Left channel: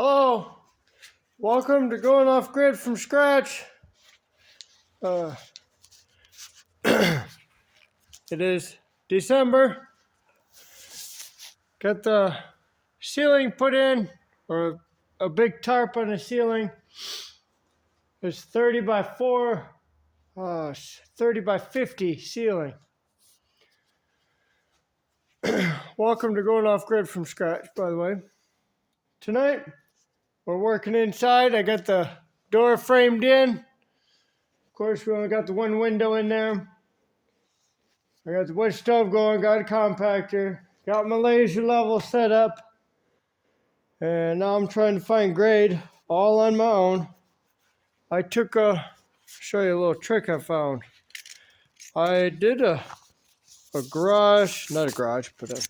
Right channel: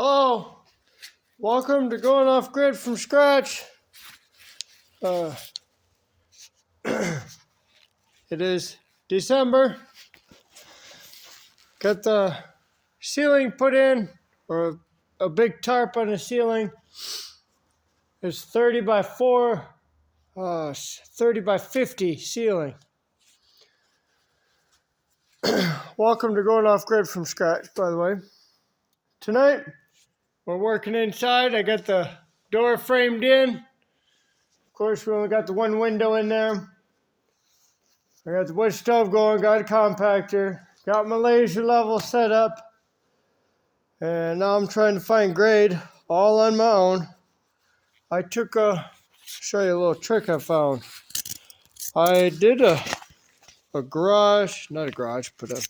Hello, welcome to Going Off Grid from Scratch. It is December. Got the ceiling put in, or a big tarp on the ceiling. It's 30 by 50 ceiling. Welcome to Going Off Grid from Scratch, by the way. Tonight, we're working inside. I got the door framed in. Of course, we only got the one window in there. I got the wood stove going, got a compactor, got my laser level set up, and now I'm trying to find grade all on my own. I took show you a little trick I found. I did a garage, not a garage, but a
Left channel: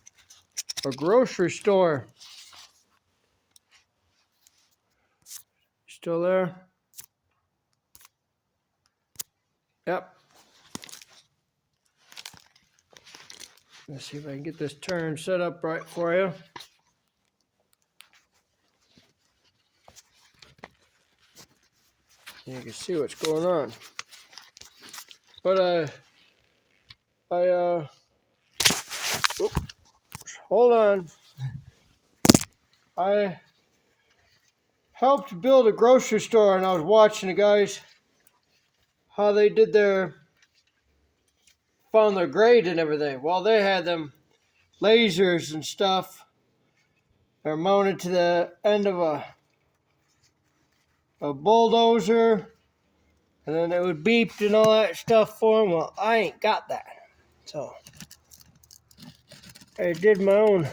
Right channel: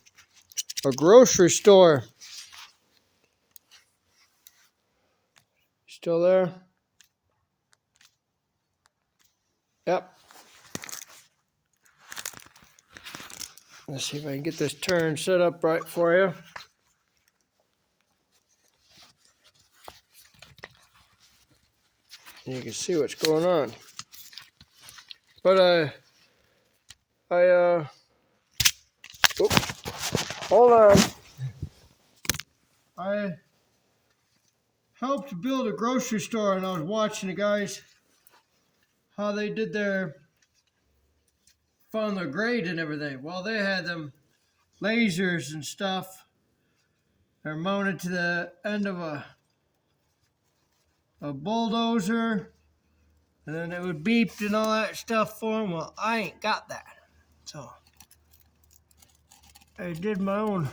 grocery store. Still there? Yep. Let's see if I can get this turn set up right for you. You can see what's going on. But hold on. I helped build a grocery store, and I was watching the guys how they did found their grade and everything. Well, they had them lasers and stuff. They're mounted to the end of a bulldozer, and then it would beep and all that stuff for them. Well, I ain't got that, so I did my own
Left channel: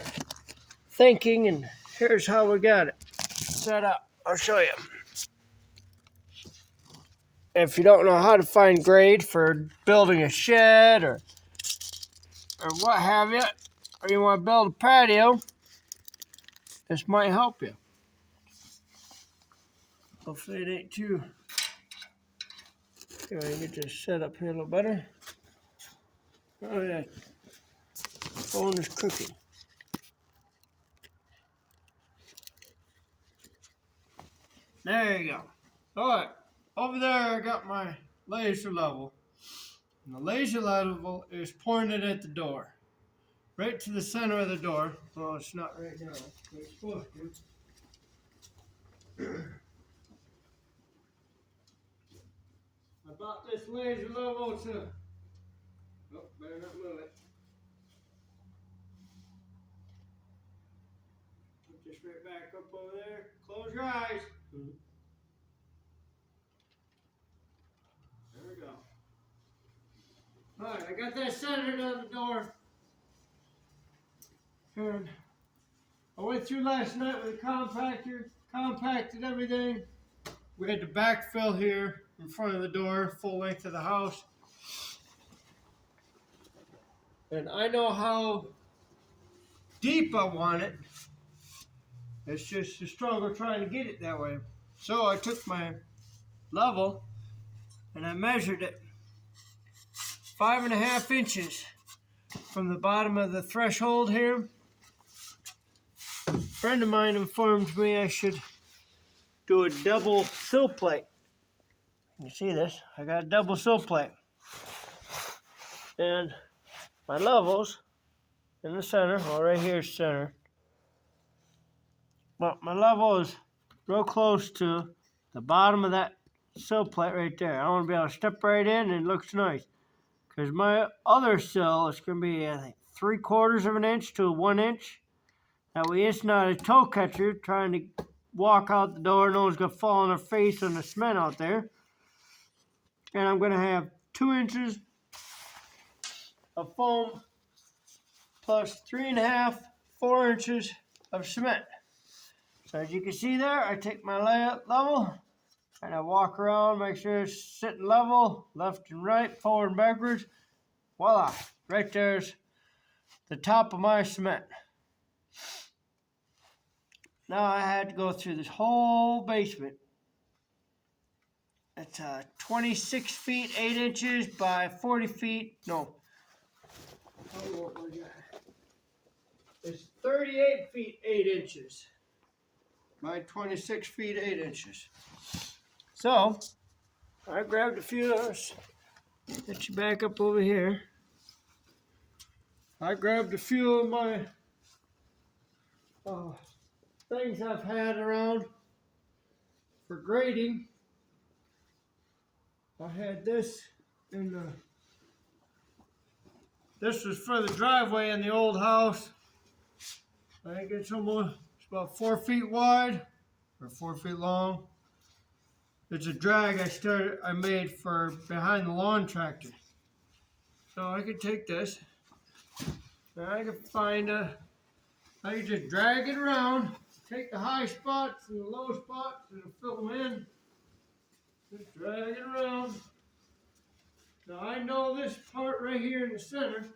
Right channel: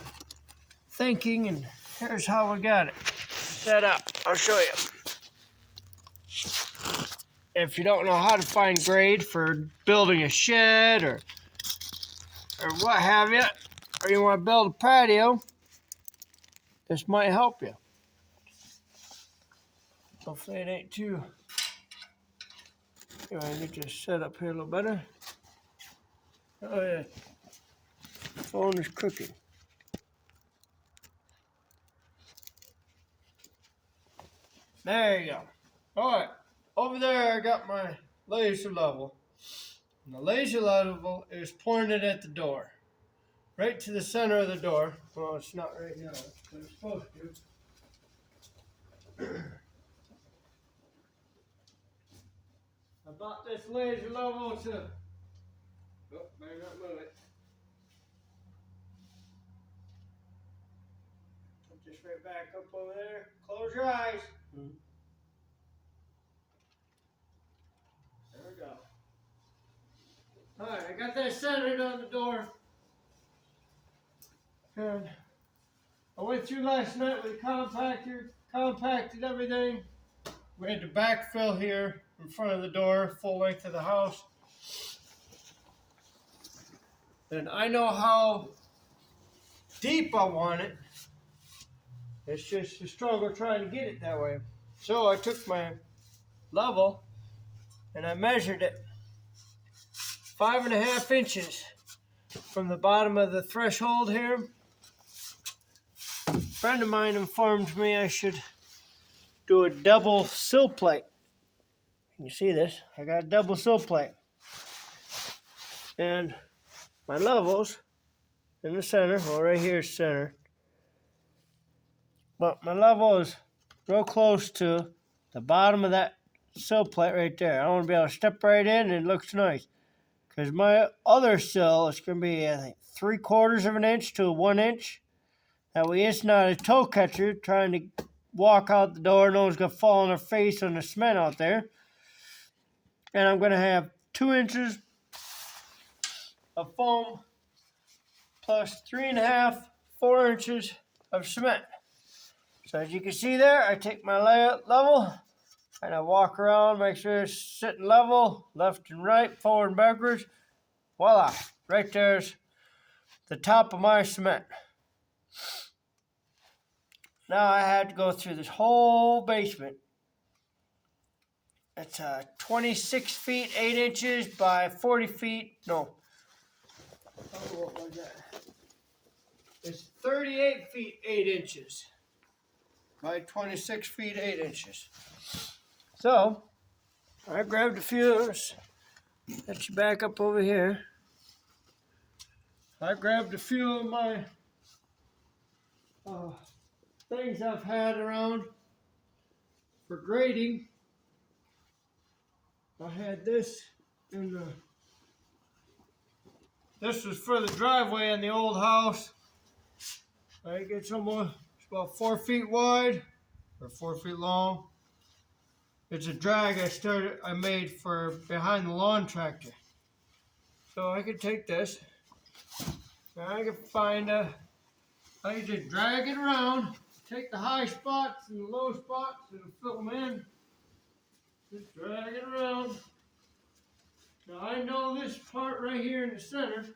thinking, and here's how we got it set up. I'll show you. If you don't know how to find grade for building a shed or what have you, or you want to build a patio, this might help you. Hopefully it ain't too. I need to set up here a little better. Oh yeah, phone is crooked. There you go. All right, over there I got my laser level. And the laser level is pointed at the door, right to the center of the door. Well, it's not right now, but it's supposed to. I bought this laser level to. Oh, better not move it. Put this right back up over there. Close your eyes. There we go. Alright, I got that centered on the door. And I went through last night with a compactor, compacted everything. We had to backfill here in front of the door, full length of the house. And I know how deep I want it. It's just a struggle trying to get it that way. So I took my level and I measured it 5.5 inches from the bottom of the threshold here. A friend of mine informed me I should do a double sill plate. You see this? I got a double sill plate. And my levels in the center, well right here is center. But my level is real close to the bottom of that sill plate right there. I want to be able to step right in and it looks nice. Because my other sill is going to be, I think, 3/4 of an inch to 1 inch. That way it's not a toe catcher trying to walk out the door. No one's going to fall on their face on the cement out there. And I'm going to have 2 inches of foam plus 3.5, 4 inches of cement. So as you can see there, I take my level and I walk around, make sure it's sitting level, left and right, forward and backwards. Voila, right there's the top of my cement. Now I had to go through this whole basement. It's 26 feet, 8 inches by 40 feet. No. What was that? It's 38 feet, 8 inches. by 26 feet 8 inches. So I grabbed a few of those. Let you back up over here. I grabbed a few of my things I've had around for grading. I had this in this was for the driveway in the old house. I think it's about 4 feet wide or 4 feet long. It's a drag I made for behind the lawn tractor. So I could take this, and I could find I could just drag it around, take the high spots and the low spots, it'll fill them in. Just drag it around. Now I know this part right here in the center,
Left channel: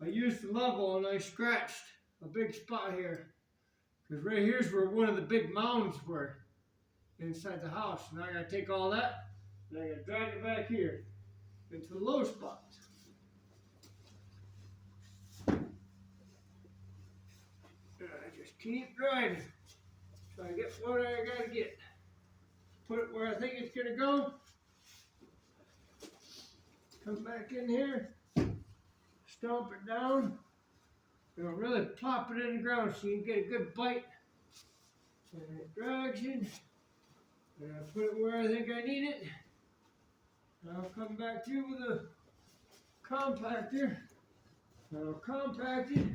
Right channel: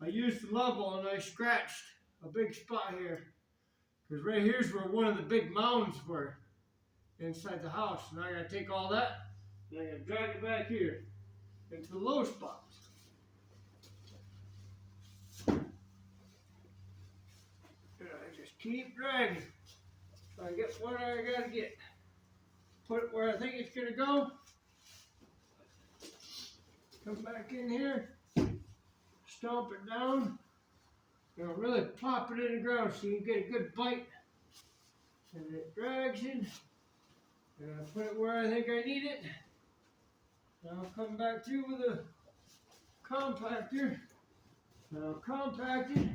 I used the level and I scratched a big spot here. Because right here's where one of the big mounds were inside the house. Now I gotta take all that and I gotta drag it back here into the low spots. And I just keep dragging. So I get what I gotta get. Put it where I think it's gonna go. Come back in here. Stomp it down. And I'll really plop it in the ground so you get a good bite. And it drags in. And I put it where I think I need it. And I'll come back through with a compactor. And I'll compact it.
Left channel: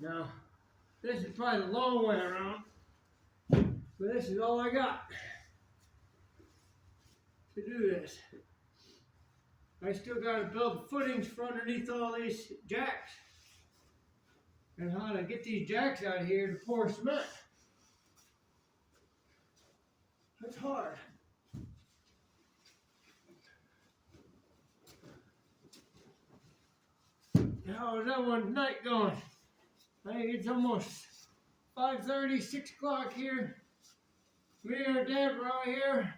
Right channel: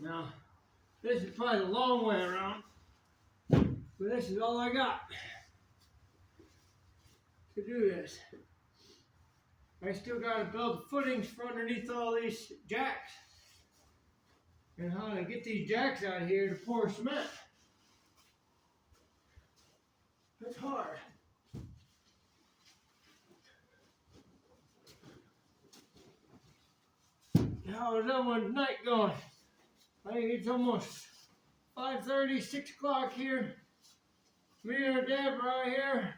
Now, this is probably the long way around. But this is all I got to do this. I still got to build the footings for underneath all these jacks. And how to get these jacks out of here to pour cement. That's hard. How is that one night going? I think it's almost 5:30, 6 o'clock here. Me and Dad were out here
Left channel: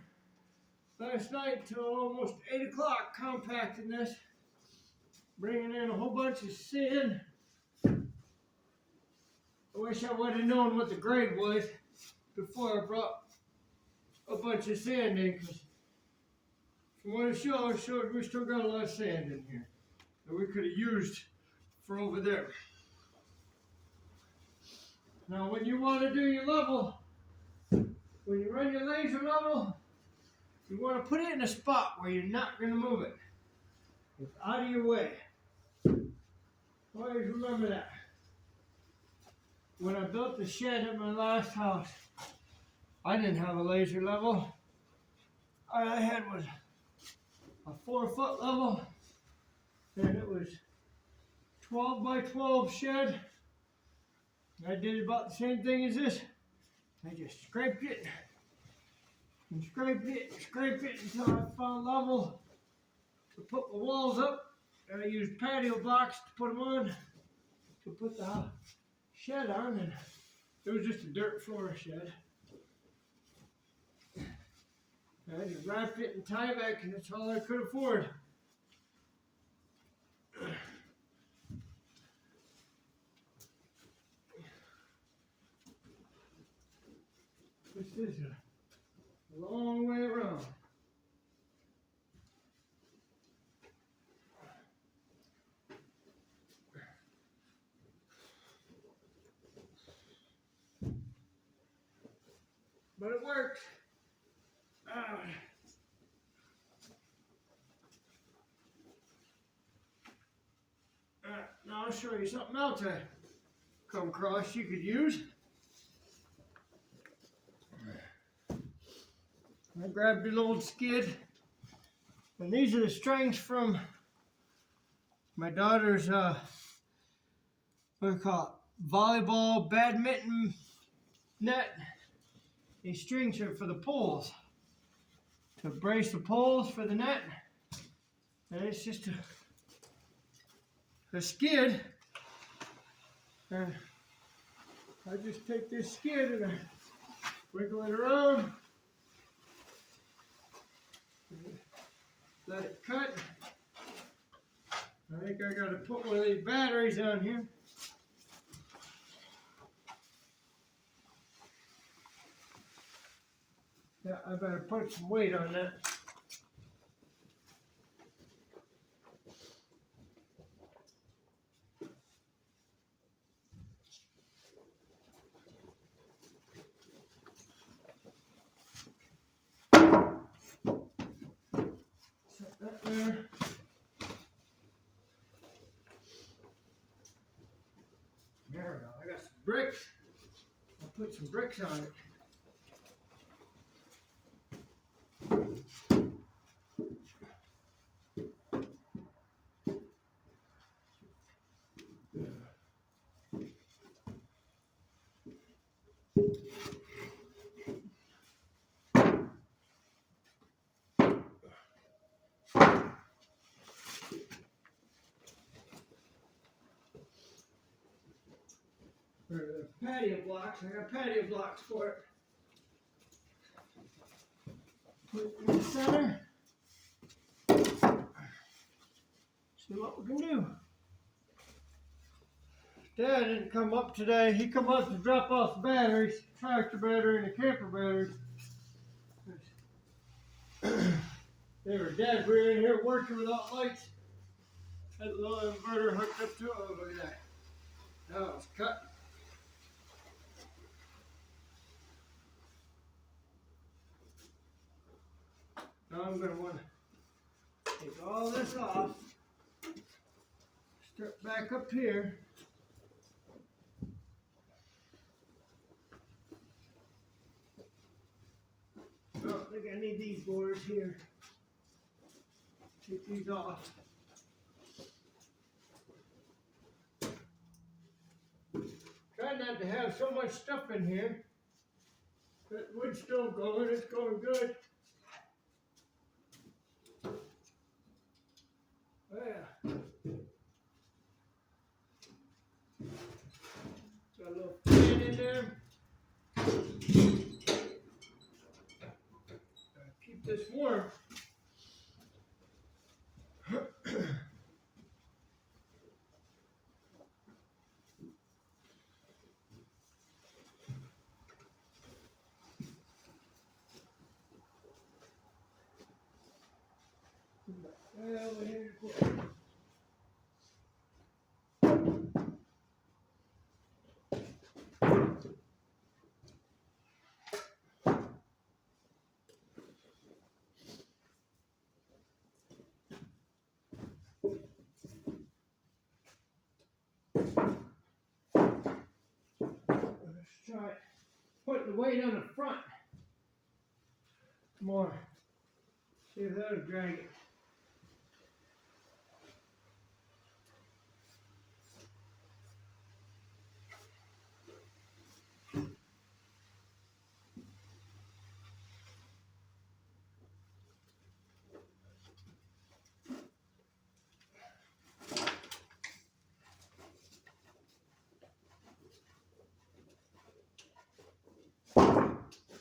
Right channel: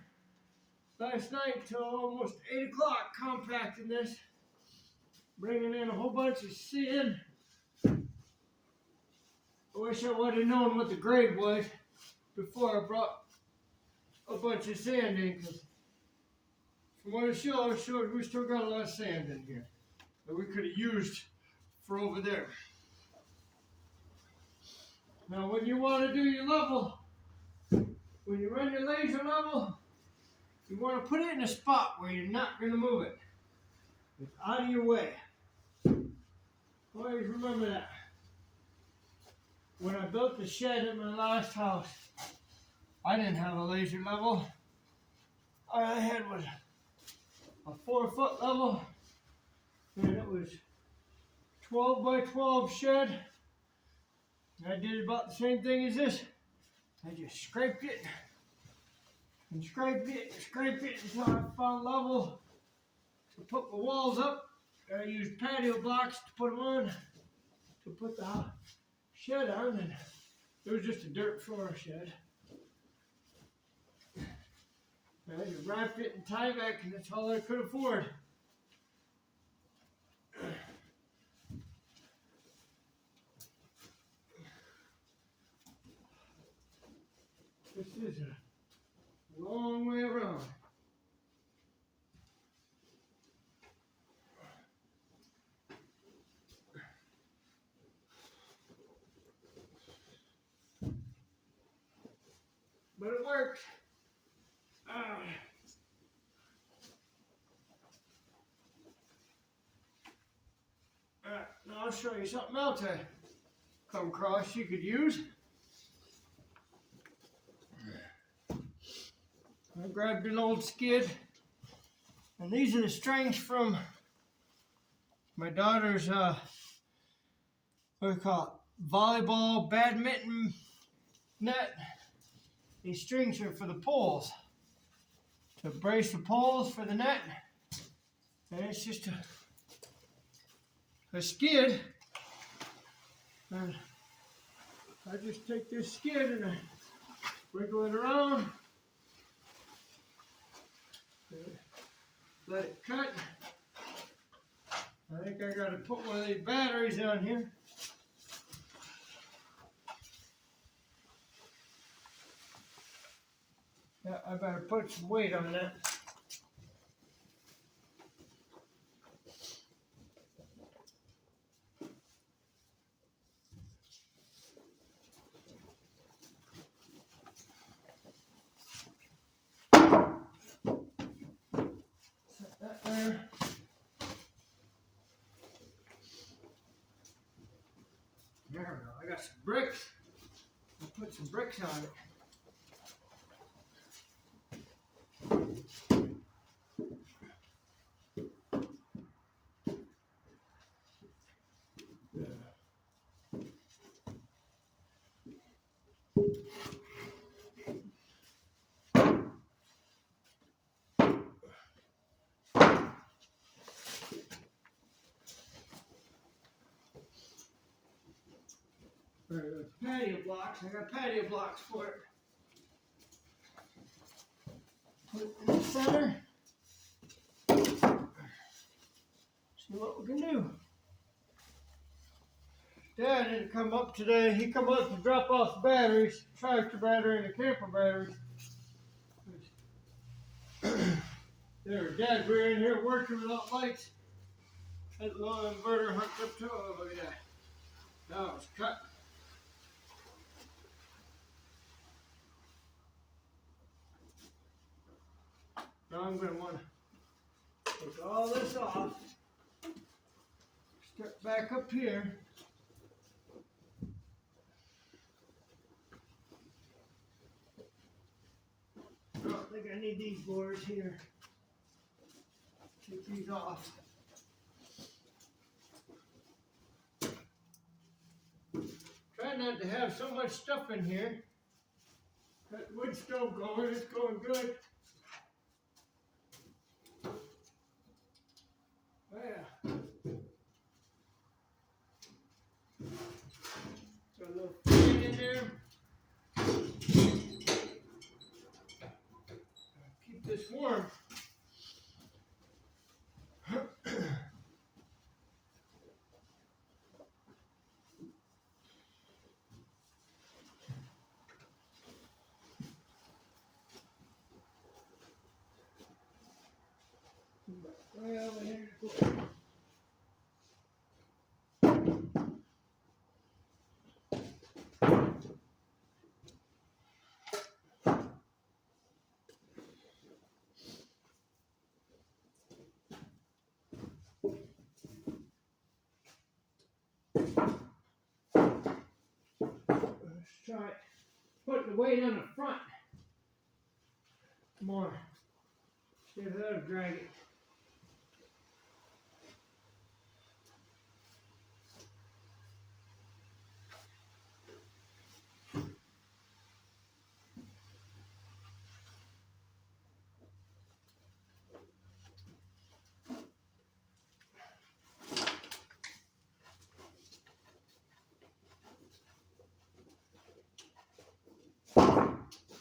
last night till almost 8 o'clock compacting this. Bringing in a whole bunch of sand. I wish I would have known what the grade was before I brought a bunch of sand in, because from what it showed we still got a lot of sand in here that we could have used for over there. Now when you want to do your level, when you run your laser level, you want to put it in a spot where you're not going to move it. It's out of your way. Always remember that. When I built the shed at my last house, I didn't have a laser level. All I had was a 4-foot level, and it was 12 by 12 shed. I did about the same thing as this. I just scraped it and scraped it and scraped it until I found level to put the walls up. And I used patio blocks to put them on, to put the shed on, and it was just a dirt floor shed. And I just wrapped it in Tyvek, and that's all I could afford. This is a long way around. But it works. Now I'll show you something else I come across you could use. I grabbed an old skid, and these are the strings from my daughter's what do you call it, volleyball, badminton net. These strings are for the poles, to brace the poles for the net, and it's just a skid, and I just take this skid and I wiggle it around. Let it cut. I think I got to put one of these batteries on here. Yeah, I better put some weight on that. Set that there. There we go. I got some bricks. I'll put some bricks on it. For the patio blocks, I got patio blocks for it. Put it in the center. See what we can do. Dad didn't come up today. He come up to drop off the batteries, tractor battery and the camper batteries. Dad, we were in here working without lights. Had the little inverter hooked up to it. Oh, look at that. Now it's cut. Now I'm going to want to take all this off. Start back up here. I don't think I need these boards here. Take these off. Try not to have so much stuff in here. That wood's still going, it's going good. Oh yeah. Got a little fan in there. Keep this warm. Well, here's the try putting the weight on the front more. See if that'll drag it.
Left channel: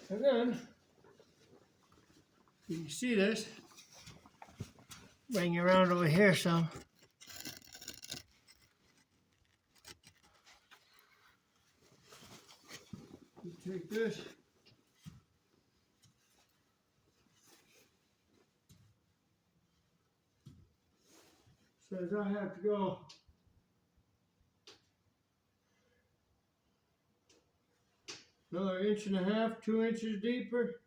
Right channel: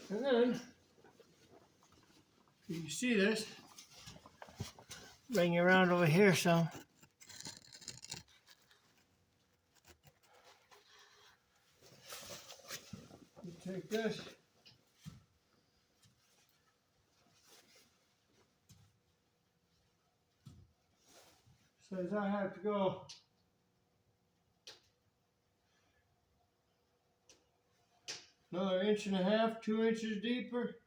And then, you can see this, bring it around over here some. You take this, says I have to go another 1.5 inches, 2 inches deeper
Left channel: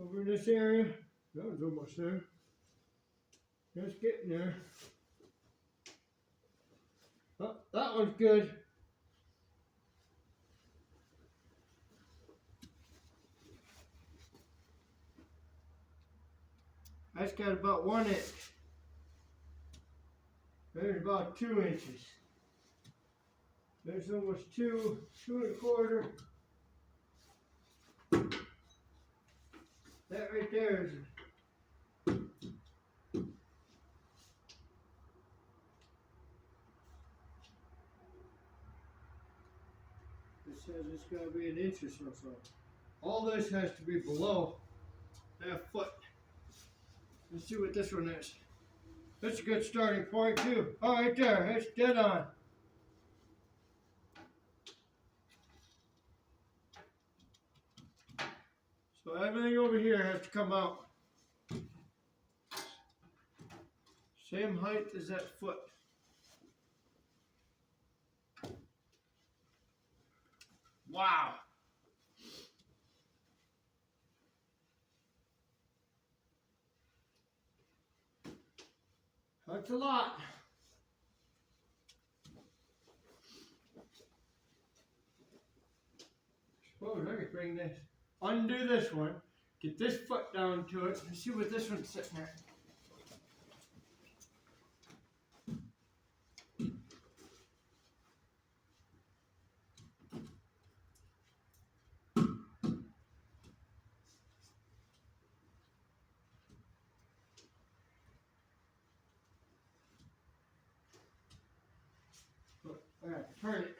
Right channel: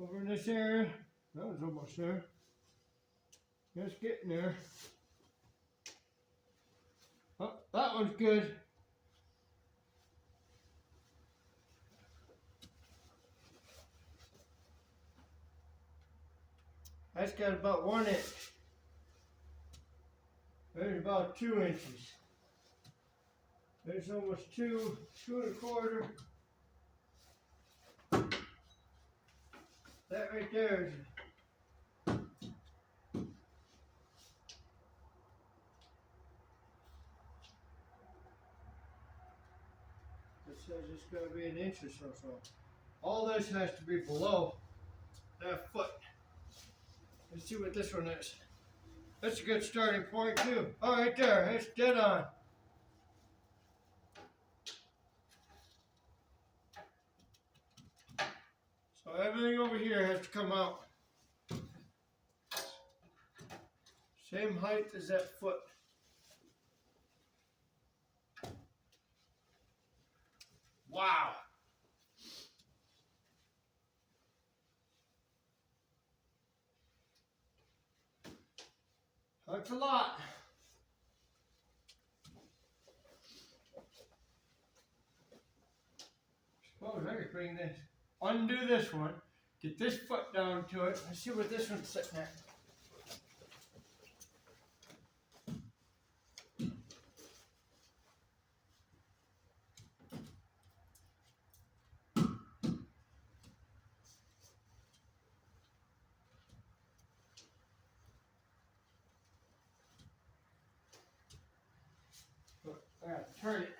over in this area. That was almost there. Just getting there. Oh, that one's good. That's got about 1 inch. There's about 2 inches. There's almost 2.25. That right there is it says it's got to be 1 inch or so. All this has to be below that foot. Let's see what this one is. That's a good starting point too. Oh, right there, it's dead on. So everything over here has to come out. Same height as that foot. Wow. That's a lot. Suppose I could bring this, undo this one, get this foot down to it, and see what this one's sitting at. I gotta turn it.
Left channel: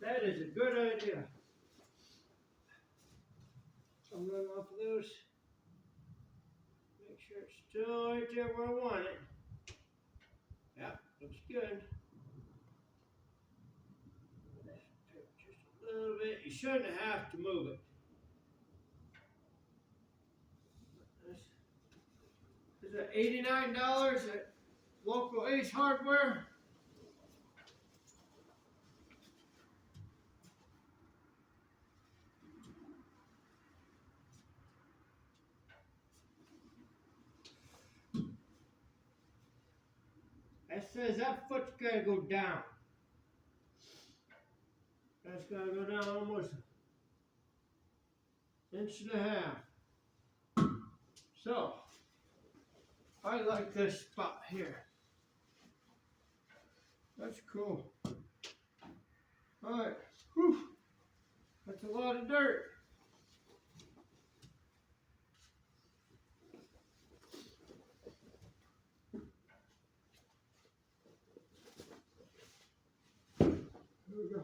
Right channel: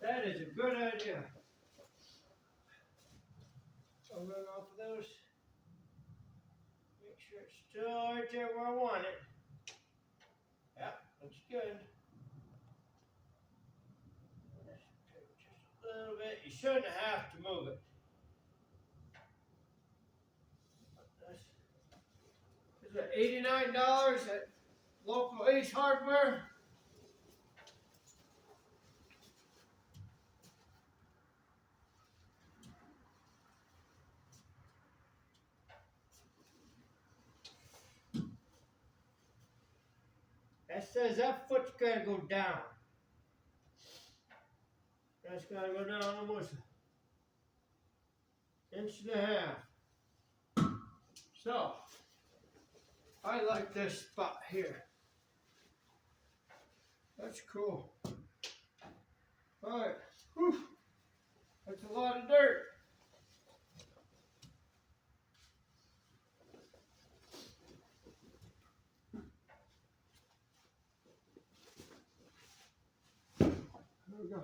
That is a good idea. I'll run off of those. Make sure it's still right there where I want it. Yep, looks good. Just a little bit. You shouldn't have to move it. Is it $89 at local Ace Hardware? That says that foot's gotta go down. That's gotta go down almost an inch and a half. So, I like this spot here. That's cool. Alright, that's a lot of dirt. Here we go.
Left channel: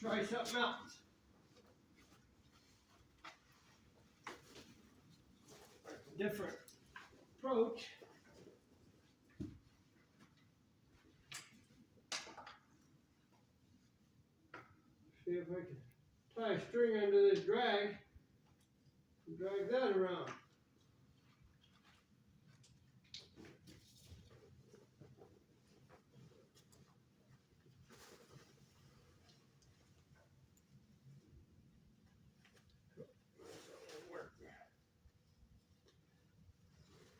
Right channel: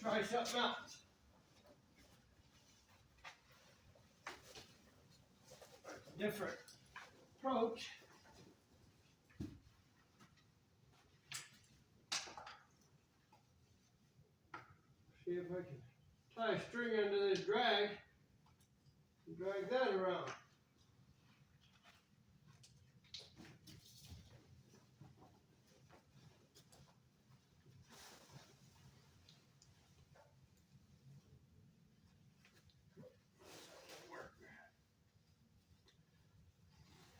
Try something else. Different approach. See if I can tie a string under this drag and drag that around.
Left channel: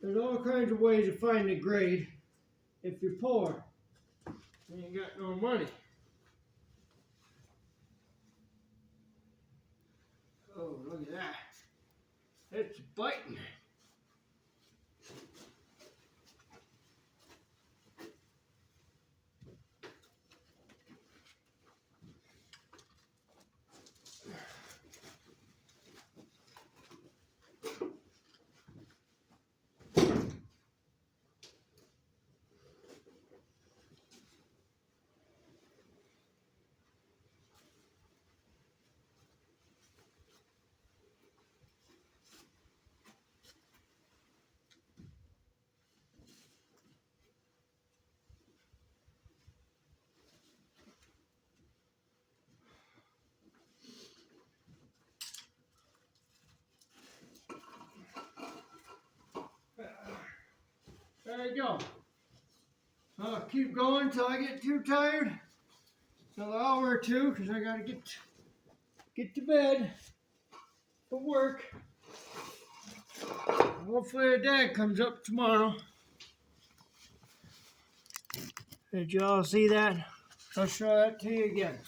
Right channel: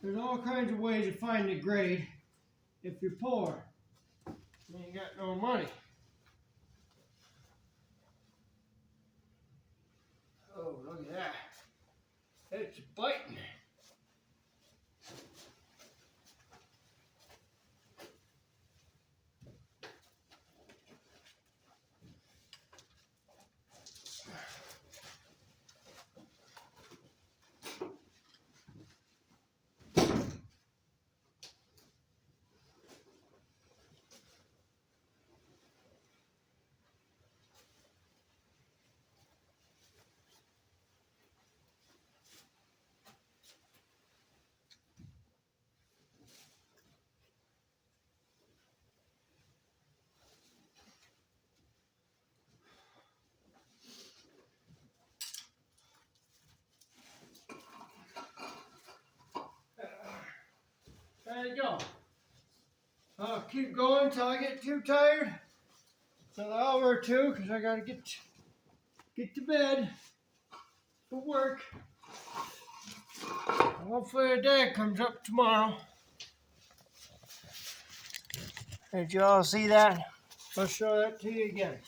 There's all kinds of ways to find the grade if you're poor. You ain't got no money. Oh, look at that. It's biting. There you go. I'll keep going till I get too tired. Another hour or two, because I gotta get to bed for work. Hopefully your dad comes up tomorrow. Did you all see that? I'll show that to you again.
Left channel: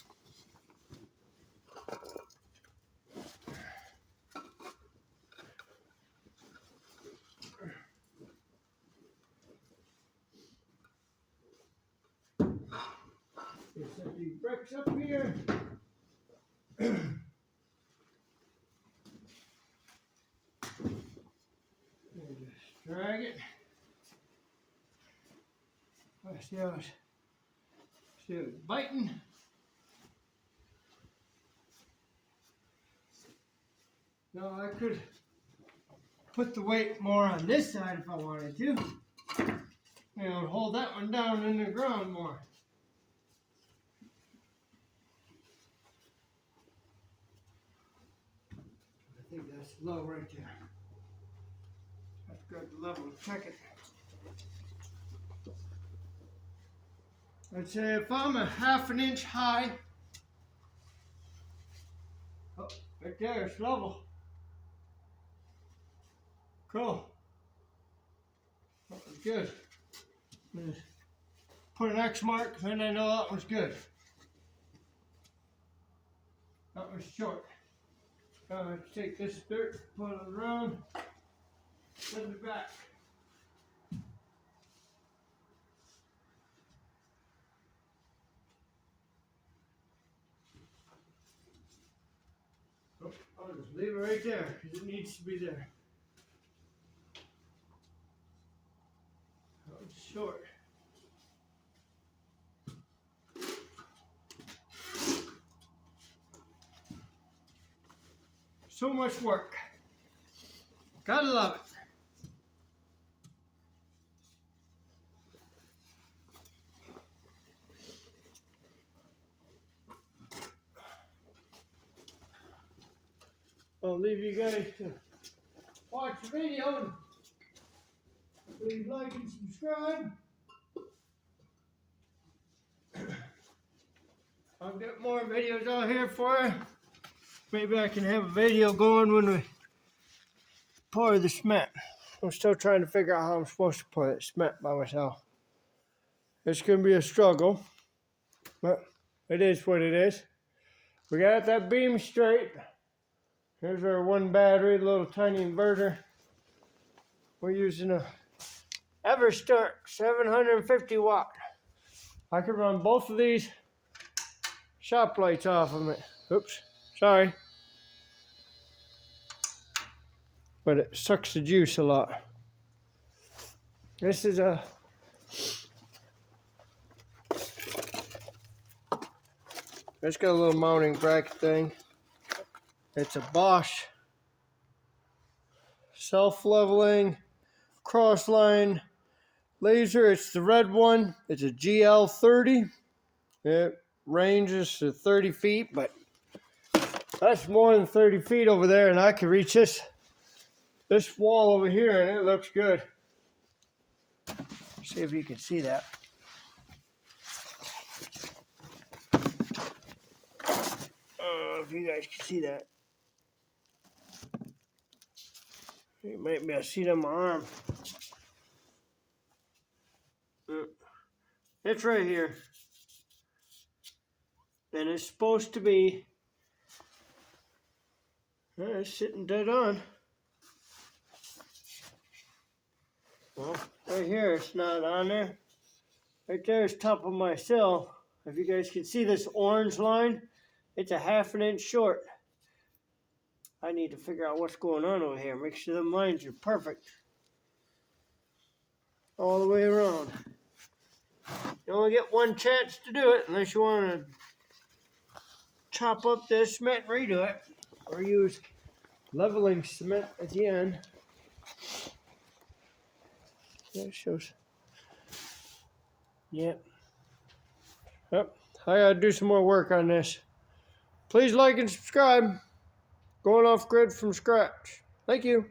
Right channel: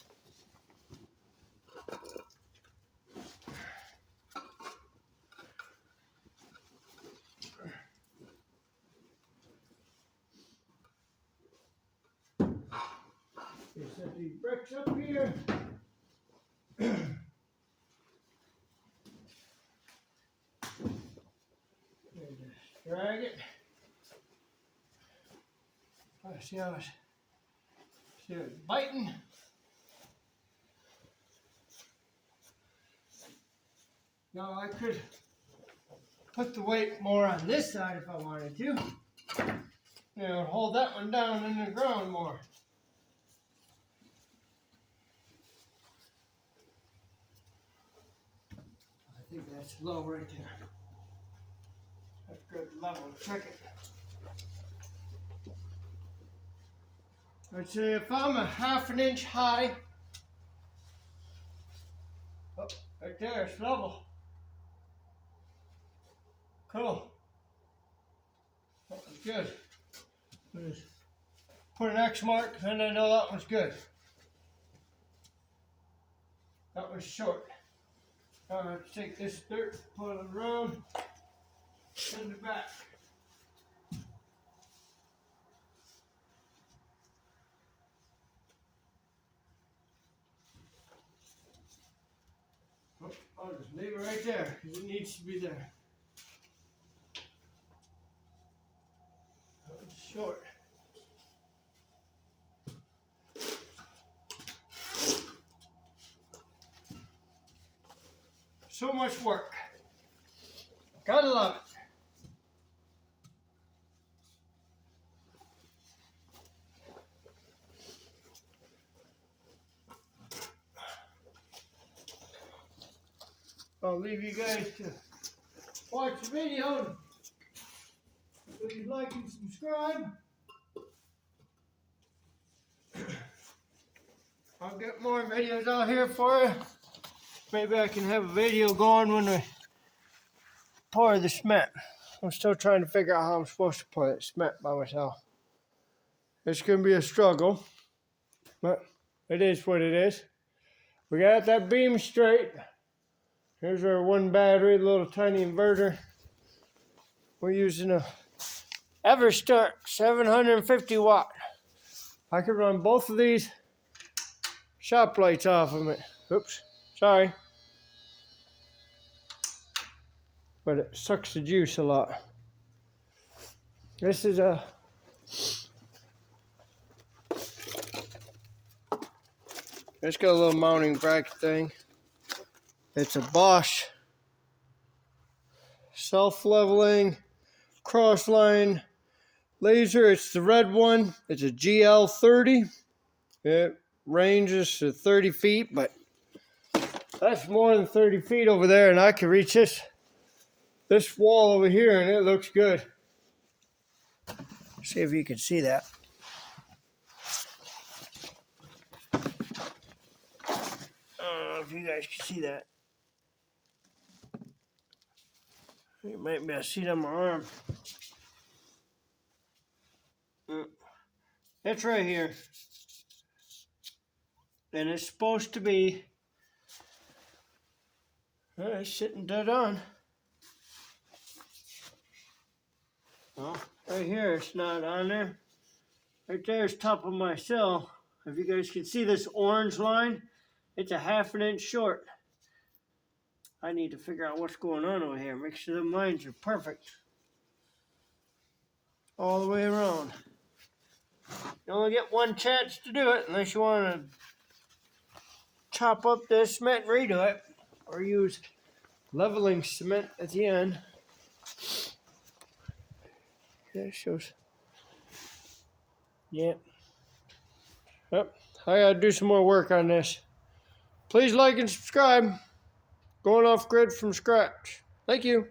Set these bricks up here. And just drag it. See how it's biting. Now I could put the weight more on this side if I wanted to. You know, hold that one down in the ground more. I think that's low right there. That's good level. Check it. I'd say if I'm a half an inch high, oh, right there, it's level. Cool. That was good. Just put an X mark, and I know that one's good. That was short. Let's take this dirt, put it around, send it back. Oh, I'll just leave it right there because it needs to be there. That one's short. So much work. Gotta love it. I'll leave you guys to watch the video. Please like and subscribe. I'll get more videos out here for you. Maybe I can have a video going when we pour the cement. I'm still trying to figure out how I'm supposed to pour that cement by myself. It's going to be a struggle, but it is what it is. We got that beam straight. Here's our one battery, little tiny inverter. We're using a Everstart 750 watt. I could run both of these shop lights off of it. Oops, sorry. But it sucks the juice a lot. This is a it's got a little mounting bracket thing. It's a Bosch self-leveling cross line laser. It's the red one. It's a GL30. It ranges to 30 feet, but that's more than 30 feet over there, and I can reach this wall over here, and it looks good. See if you can see that. I don't know if you guys can see that. You might be able to see it on my arm. It's right here. And it's supposed to be, it's sitting dead on. Well, right here it's not on there. Right there is top of my sill. If you guys can see this orange line, it's a half an inch short. I need to figure out what's going on over here. Make sure the lines are perfect. All the way around. You only get one chance to do it unless you want to chop up this cement and redo it. Or use leveling cement at the end. That shows. Yep. Yep. I gotta do some more work on this. Please like and subscribe. Going off grid from scratch. Thank you.